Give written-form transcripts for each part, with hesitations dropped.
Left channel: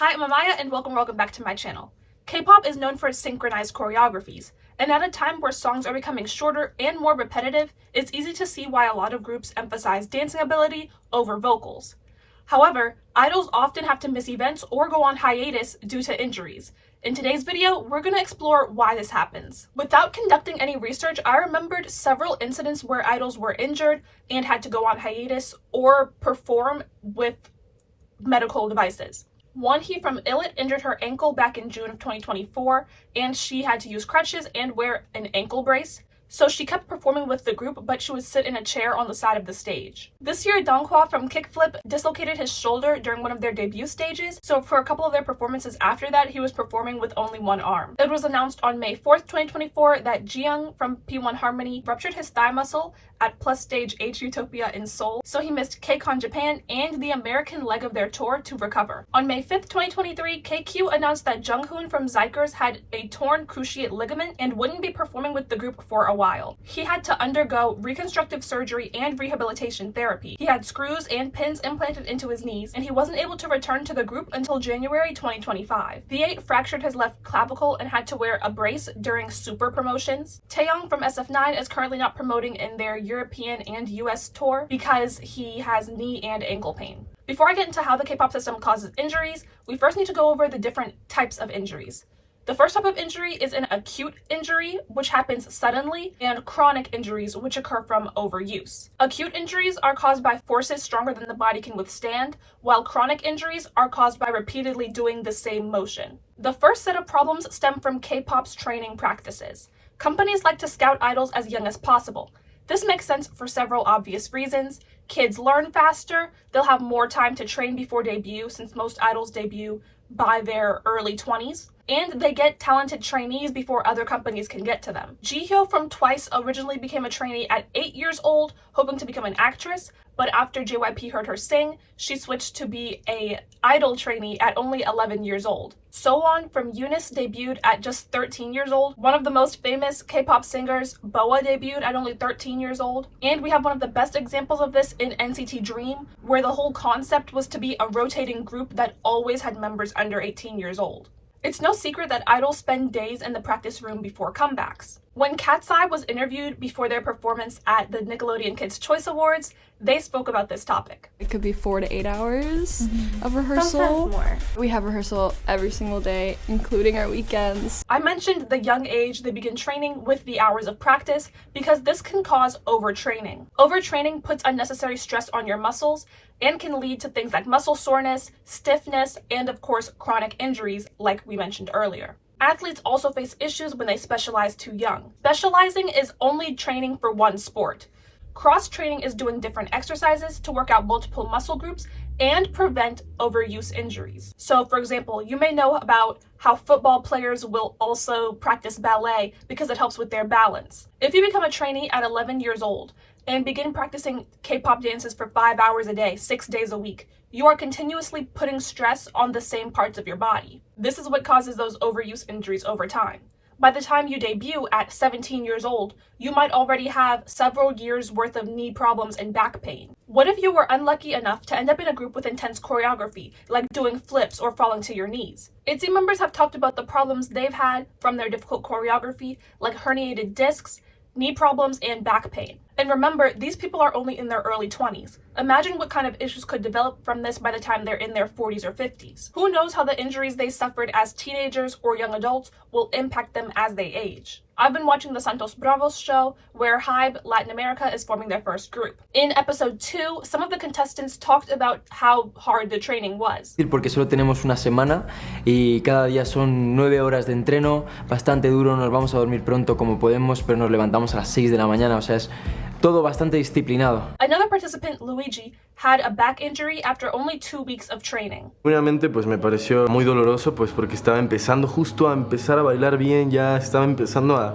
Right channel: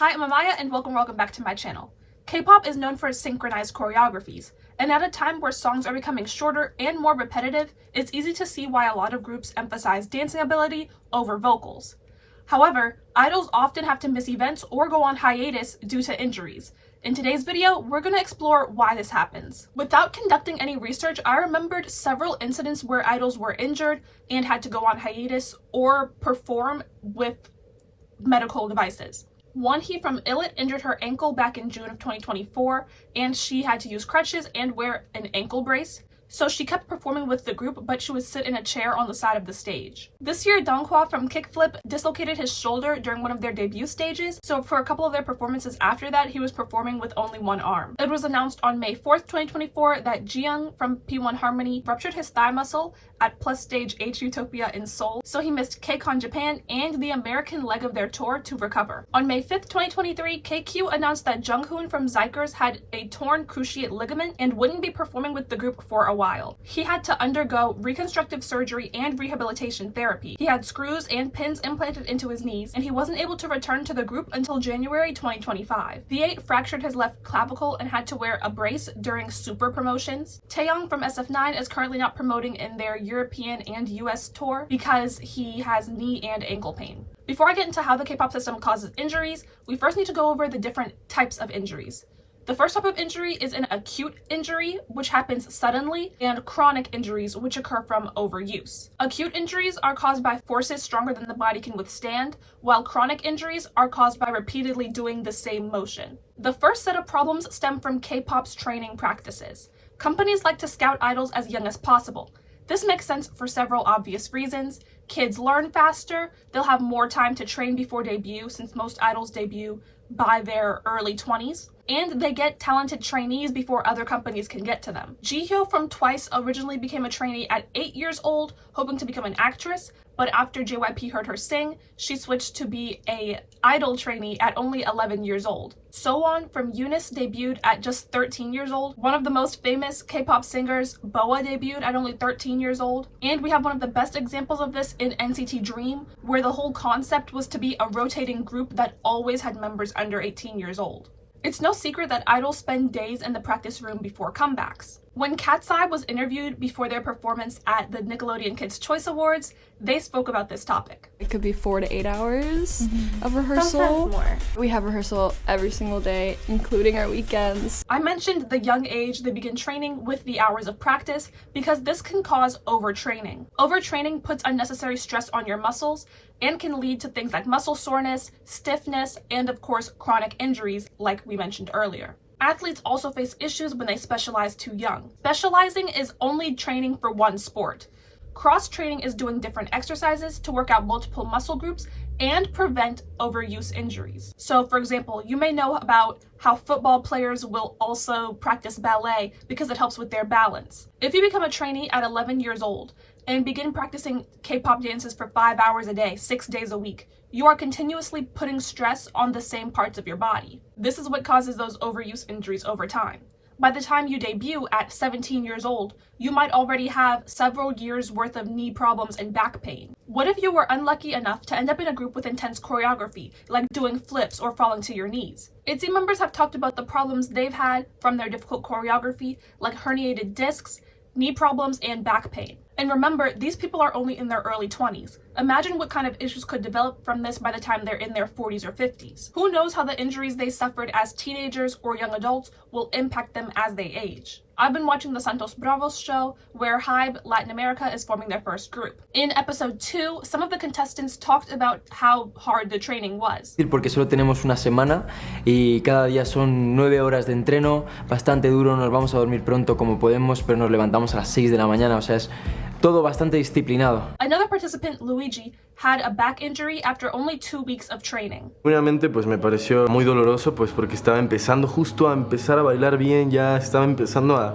Hi, I'm Amaya and welcome back to my channel. K-pop is known for its synchronized choreographies, and at a time where songs are becoming shorter and more repetitive, it's easy to see why a lot of groups emphasize dancing ability over vocals. However, idols often have to miss events or go on hiatus due to injuries. In today's video, we're going to explore why this happens. Without conducting any research, I remembered several incidents where idols were injured and had to go on hiatus or perform with medical devices. Wonhee from Illit injured her ankle back in June of 2024, and she had to use crutches and wear an ankle brace. So she kept performing with the group, but she would sit in a chair on the side of the stage. This year, Donghua from Kickflip dislocated his shoulder during one of their debut stages, so for a couple of their performances after that, he was performing with only one arm. It was announced on May 4th, 2024 that Jiyoung from P1 Harmony ruptured his thigh muscle at Plus Stage H Utopia in Seoul, so he missed KCON Japan and the American leg of their tour to recover. On May 5th, 2023, KQ announced that Junghoon from Xikers had a torn cruciate ligament and wouldn't be performing with the group for a while. He had to undergo reconstructive surgery and rehabilitation therapy. He had screws and pins implanted into his knees, and he wasn't able to return to the group until January 2025. V8 fractured his left clavicle and had to wear a brace during super promotions. Taeyong from SF9 is currently not promoting in their European and US tour because he has knee and ankle pain. Before I get into how the K-pop system causes injuries, we first need to go over the different types of injuries. The first type of injury is an acute injury, which happens suddenly, and chronic injuries, which occur from overuse. Acute injuries are caused by forces stronger than the body can withstand, while chronic injuries are caused by repeatedly doing the same motion. The first set of problems stem from K-pop's training practices. Companies like to scout idols as young as possible. This makes sense for several obvious reasons. Kids learn faster, they'll have more time to train before debut since most idols debut by their early 20s, and they get talented trainees before other companies can get to them. Jihyo from Twice originally became a trainee at 8 years old, hoping to become an actress, but after JYP heard her sing, she switched to be an idol trainee at only 11 years old. Sowon from Eunice debuted at just 13 years old. One of the most famous K-pop singers, Boa, debuted at only 13 years old. And we have one of the best examples of this in NCT Dream, where the whole concept was to be a rotating group that always had members under 18 years old. It's no secret that idols spend days in the practice room before comebacks. When Cat's Eye was interviewed before their performance at the Nickelodeon Kids' Choice Awards, they spoke about this topic. It could be 4 to 8 hours of rehearsal. Sometimes more. We have rehearsal every single day, including our weekends. I mentioned the young age they begin training with the hours of practice because this can cause overtraining. Overtraining puts unnecessary stress on your muscles and can lead to things like muscle soreness, stiffness, and of course, chronic injuries like we mentioned earlier. Athletes also face issues when they specialize too young. Specializing is only training for one sport. Cross-training is doing different exercises to work out multiple muscle groups and prevent overuse injuries. So, for example, you may know about how football players will also practice ballet because it helps with their balance. If you become a trainee at 11 years old and begin practicing K-pop dances for 5 hours a day, 6 days a week, you are continuously putting stress on the same parts of your body. This is what causes those overuse injuries over time. By the time you debut at 17 years old, you might already have several years worth of knee problems and back pain. What if you were unlucky enough to end up in a group with intense choreography, like doing flips or falling to your knees? ITZY members have talked about the problems they've had from their difficult choreography, like herniated discs, knee problems, and back pain. And remember, these people are only in their early 20s. Imagine what kind of issues could develop from this by the time they're in their 40s or 50s. Who knows how the injuries they suffered as teenagers or young adults will impact them as they age. I've been watching the Santos Bravos show, where HYBE Latin America is forming their first group. In episode 2, some of the contestants talked about how hard the training was. Porque solo tenemos una semana y cada día son 9 horas de entreno, bastante duro, nos vamos a dormir pronto como podemos, pero nos levantamos a las 6 de la mañana, o sea, es todo bastante disciplinado. Another participant, Luigi, had a back injury after only 2 weeks of training. Obviamente pues me pareció muy doloroso pues porque estaba empezando justo a empezar a bailar bien, ya estaba empezando a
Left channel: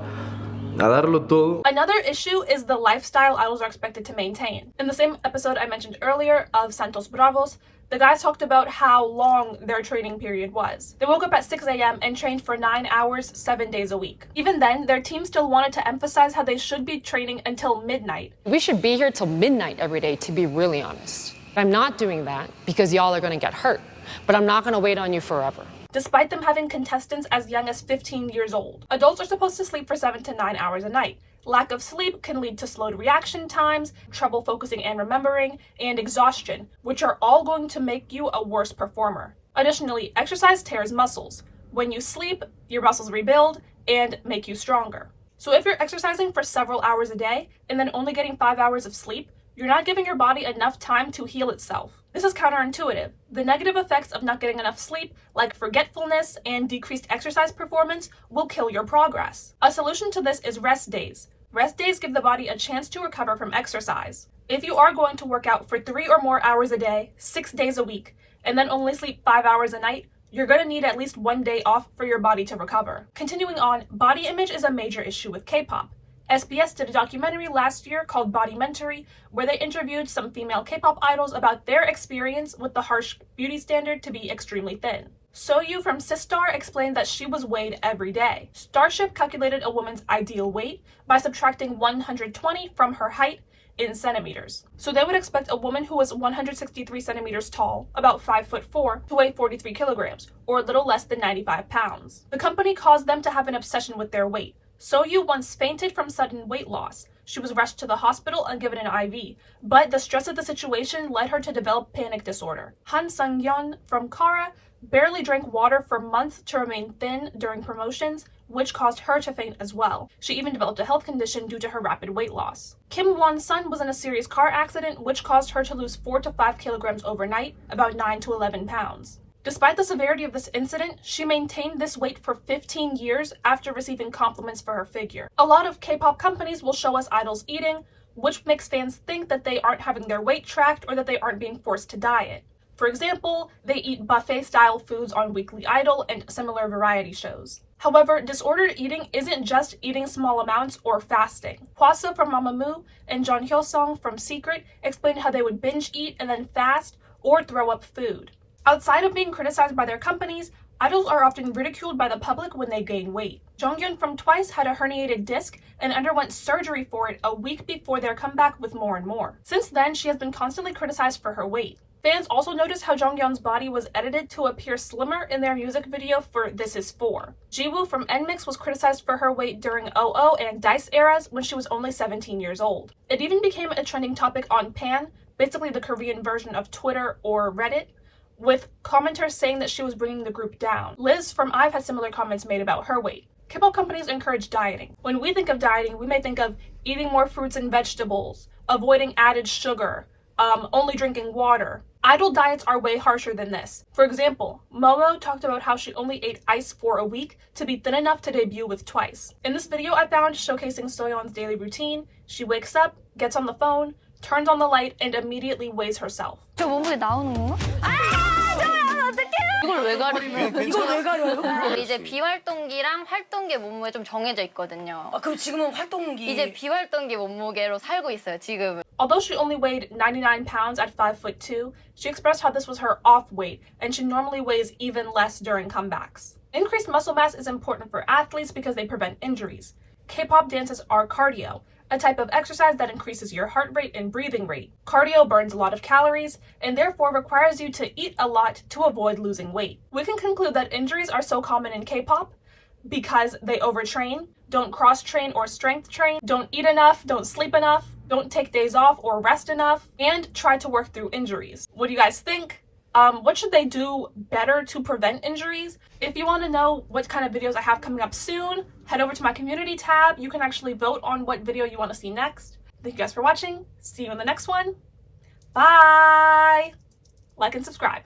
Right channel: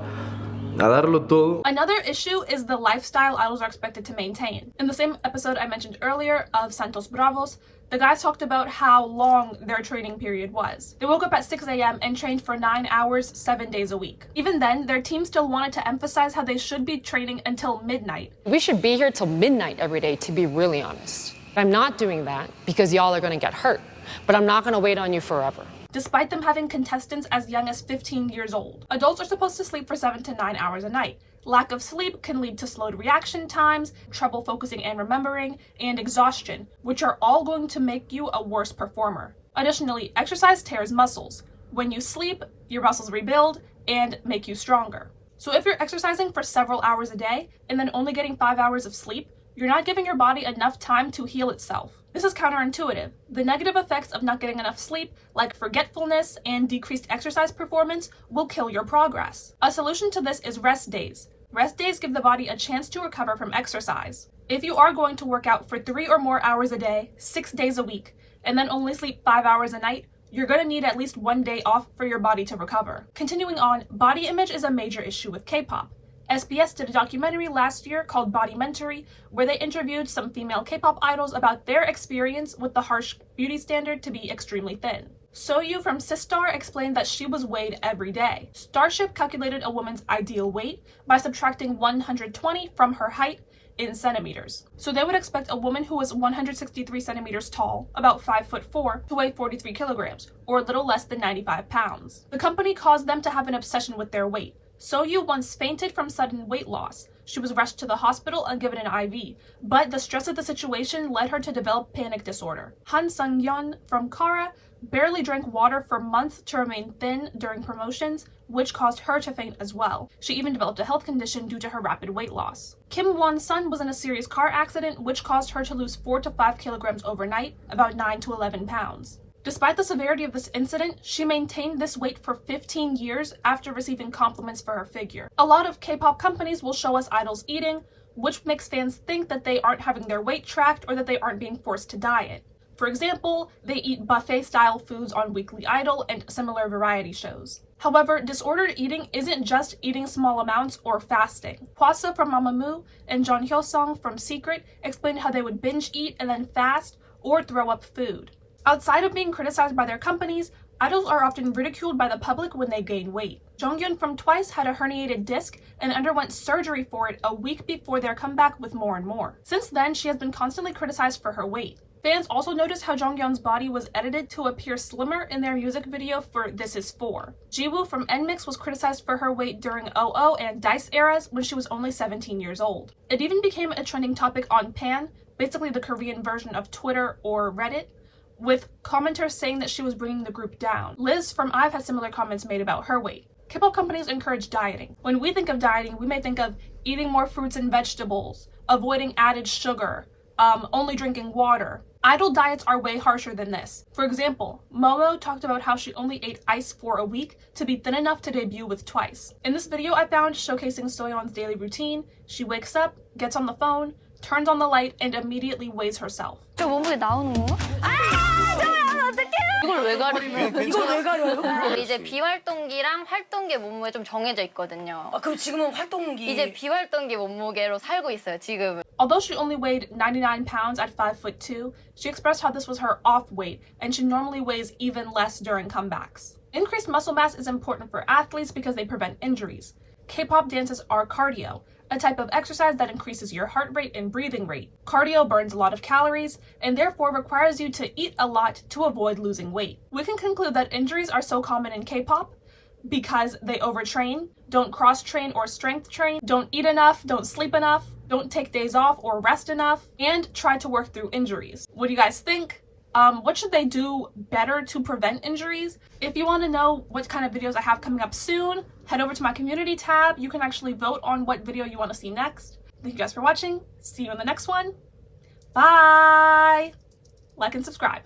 darlo todo. Another issue is the lifestyle idols are expected to maintain. In the same episode I mentioned earlier of Santos Bravos, the guys talked about how long their training period was. They woke up at 6 a.m. and trained for 9 hours, 7 days a week. Even then, their team still wanted to emphasize how they should be training until midnight. We should be here till midnight every day, to be really honest. I'm not doing that because y'all are gonna get hurt. but I'm not going to wait on you forever. Despite them having contestants as young as 15 years old. Adults are supposed to sleep for 7 to 9 hours a night. Lack of sleep can lead to slowed reaction times, trouble focusing and remembering, and exhaustion, which are all going to make you a worse performer. Additionally, exercise tears muscles. When you sleep, your muscles rebuild and make you stronger. So if you're exercising for several hours a day and then only getting 5 hours of sleep, you're not giving your body enough time to heal itself. This is counterintuitive. The negative effects of not getting enough sleep, like forgetfulness and decreased exercise performance, will kill your progress. A solution to this is rest days. Rest days give the body a chance to recover from exercise. If you are going to work out for 3 or more hours a day, 6 days a week, and then only sleep 5 hours a night, you're going to need at least 1 day off for your body to recover. Continuing on, body image is a major issue with K-pop. SBS did a documentary last year called Bodymentary, where they interviewed some female K-pop idols about their experience with the harsh beauty standard to be extremely thin. Soyu from Sistar explained that she was weighed every day. Starship calculated a woman's ideal weight by subtracting 120 from her height in centimeters. So they would expect a woman who was 163 centimeters tall, about 5'4", to weigh 43 kilograms, or a little less than 95 pounds. The company caused them to have an obsession with their weight. Soyu once fainted from sudden weight loss. She was rushed to the hospital and given an IV, but the stress of the situation led her to develop panic disorder. Han Sung-yeon from Kara barely drank water for months to remain thin during promotions, which caused her to faint as well. She even developed a health condition due to her rapid weight loss. Kim Won-sun was in a serious car accident, which caused her to lose 4 to 5 kilograms overnight, about 9 to 11 pounds. Despite the severity of this incident, she maintained this weight for 15 years after receiving compliments for her figure. A lot of K-pop companies will show us idols eating, which makes fans think that they aren't having their weight tracked or that they aren't being forced to diet. For example, they eat buffet-style foods on Weekly Idol and similar variety shows. However, disordered eating isn't just eating small amounts or fasting. Hwasa from Mamamoo and Jeon Hyo-sung from Secret explained how they would binge eat and then fast or throw up food. Outside of being criticized by their companies, idols are often ridiculed by the public when they gain weight. Jonghyun from Twice had a herniated disc and underwent surgery for it a week before their comeback with More and More. Since then, she has been constantly criticized for her weight. Fans also noticed how Jonghyun's body was edited to appear slimmer in their music video for This Is 4. Jiwoo from NMIXX was criticized for her weight during OO and Dice eras when she was only 17 years old. It even became a trending topic on Pan, basically the Korean version of Twitter or Reddit, with commenters saying that she was bringing the group down. Liz from IVE had similar comments made about her weight. K-pop companies encourage dieting. When we think of dieting, we may think of eating more fruits and vegetables, avoiding added sugar, only drinking water. Idol diets are way harsher than this. For example, Momo talked about how she only ate ice for a week to be thin enough to debut with Twice. In this video I found showcasing Soyeon's daily routine, she wakes up, gets on the phone, turns on the light, and immediately weighs herself. 저 몸무게 나오는 건가? 이걸 왜 가려? 이걸 왜 가려요? 이제 비활동기랑 활동기 몸무게 좀 정해져 있거든요. 아, 그럼 지금은 활동기. 이제 비활동기 몸무게로 살고 있어요, 지금은. Although she only weighed 99 pounds at 5'2", she expressed how this was her off weight, and she normally weighs even less during comebacks. Increased muscle mass is important for athletes because they prevent injuries. K-pop dances are cardio, a type of exercise that increases your heart rate and breathing rate. Cardio burns a lot of calories and therefore requires you to eat a lot to avoid losing weight. We can conclude that injuries are so common in K-pop because they overtrain, don't cross-train or strength train, don't eat enough, don't sleep enough, don't take days off or rest enough, and try to work through injuries. What do you guys think? What should they do better to prevent injuries? If you want to know what kind of videos I have coming up soon, head over to my community tab. You can actually vote on what video you want to see next. Thank you guys for watching. See you in the next one. Bye! Like and subscribe.